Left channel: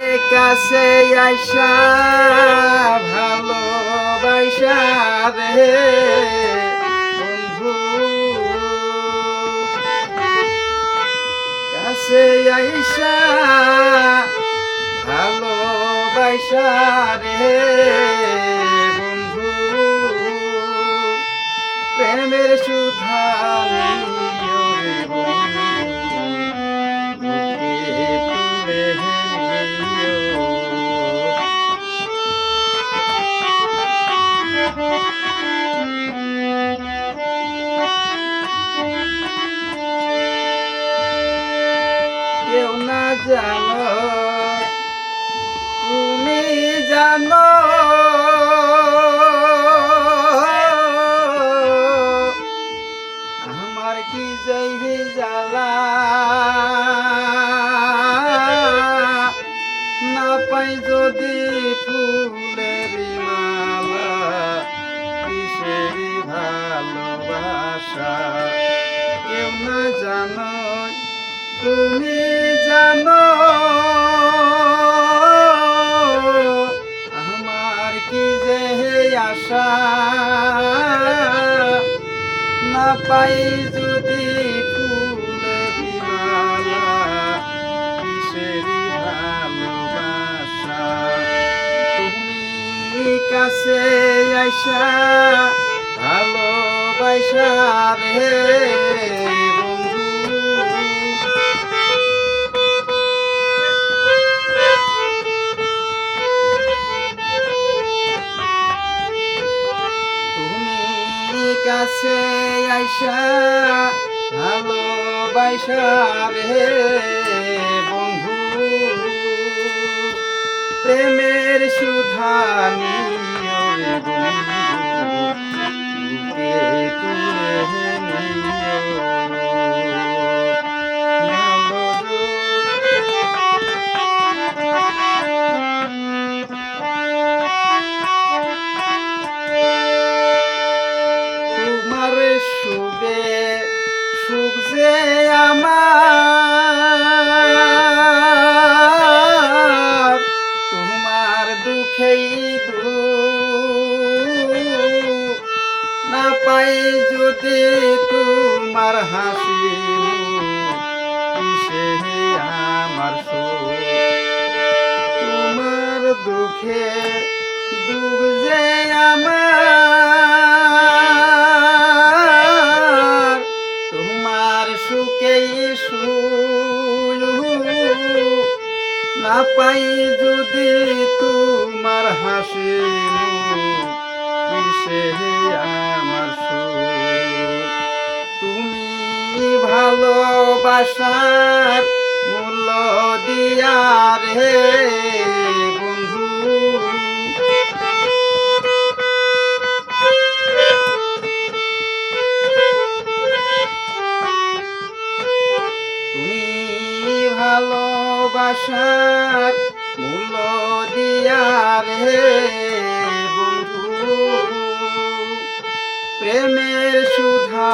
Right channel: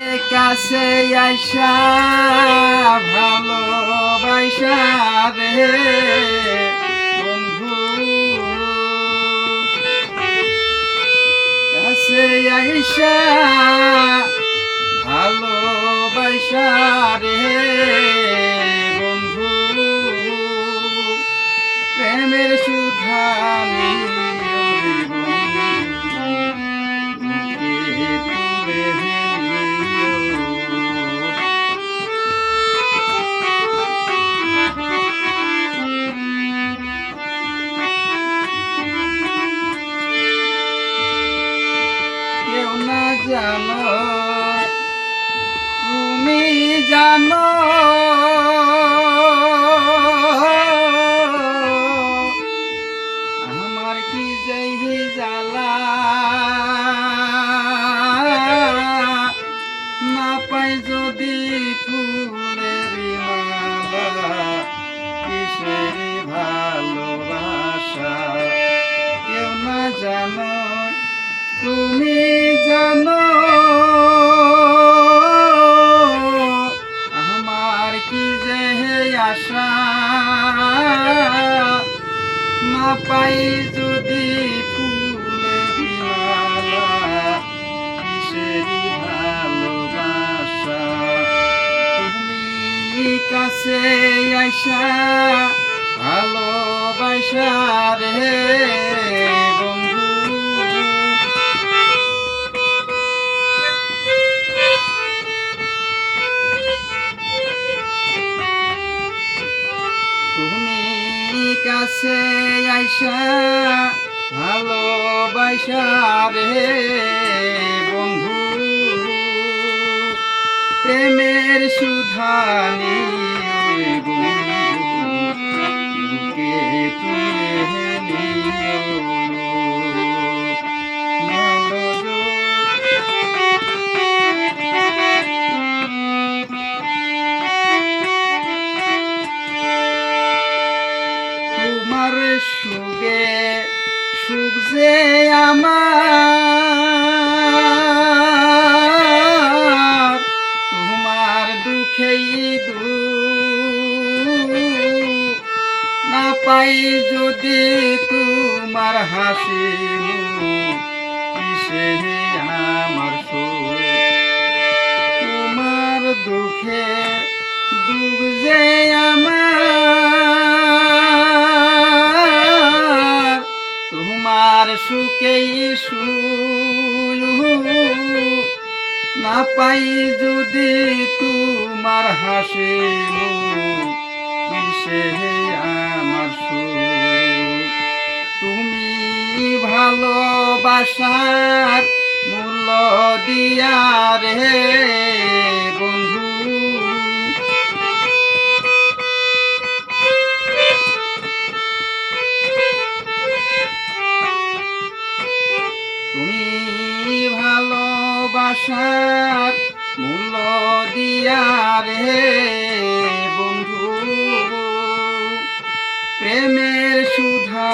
কাছে আইসা ভালোবাসা রে বন্ধু, কাছে আইসা ভালোবাসা রে বন্ধু, প্রেমের সুধা নিও রে বন্ধু, বুকে তুলে নিও। কেউ না জানো, তুমি জানো, আমার কি যেই জ্বালা, না পাই যদি ফুলের মালা, কিসের ভালোবাসা। কেউ না জানো, তুমি জানো, আমার কি যে আশা, না পাই যদি ফুলের মালা, কিসেরি ভালোবাসা। তুমি কাছে আইসা ভালোবাসা রে বন্ধু, কাছে আইসা ভালোবাসা রে বন্ধু, প্রেমের সুধা নিও রে বন্ধু, বুকে তুলে নিও। তোমার সুগে সুখ যে আমার, তোমার দুঃখেই দুঃখ, না পাই যদি তোমার হাসি মুখ, কিসে আমার সুখ। তোমার দুঃখে দুঃখ যে আমার, তোমার সুখেই সুখ, না পাই যদি তোমার হাসি মুখ, কিসে আমার সুখ। তুমি ভালোবাসার মূল্য দিয়া রে বন্ধু, তুমি ভালোবাসার মূল্য দিয়া রে বন্ধু, প্রেমের সুধা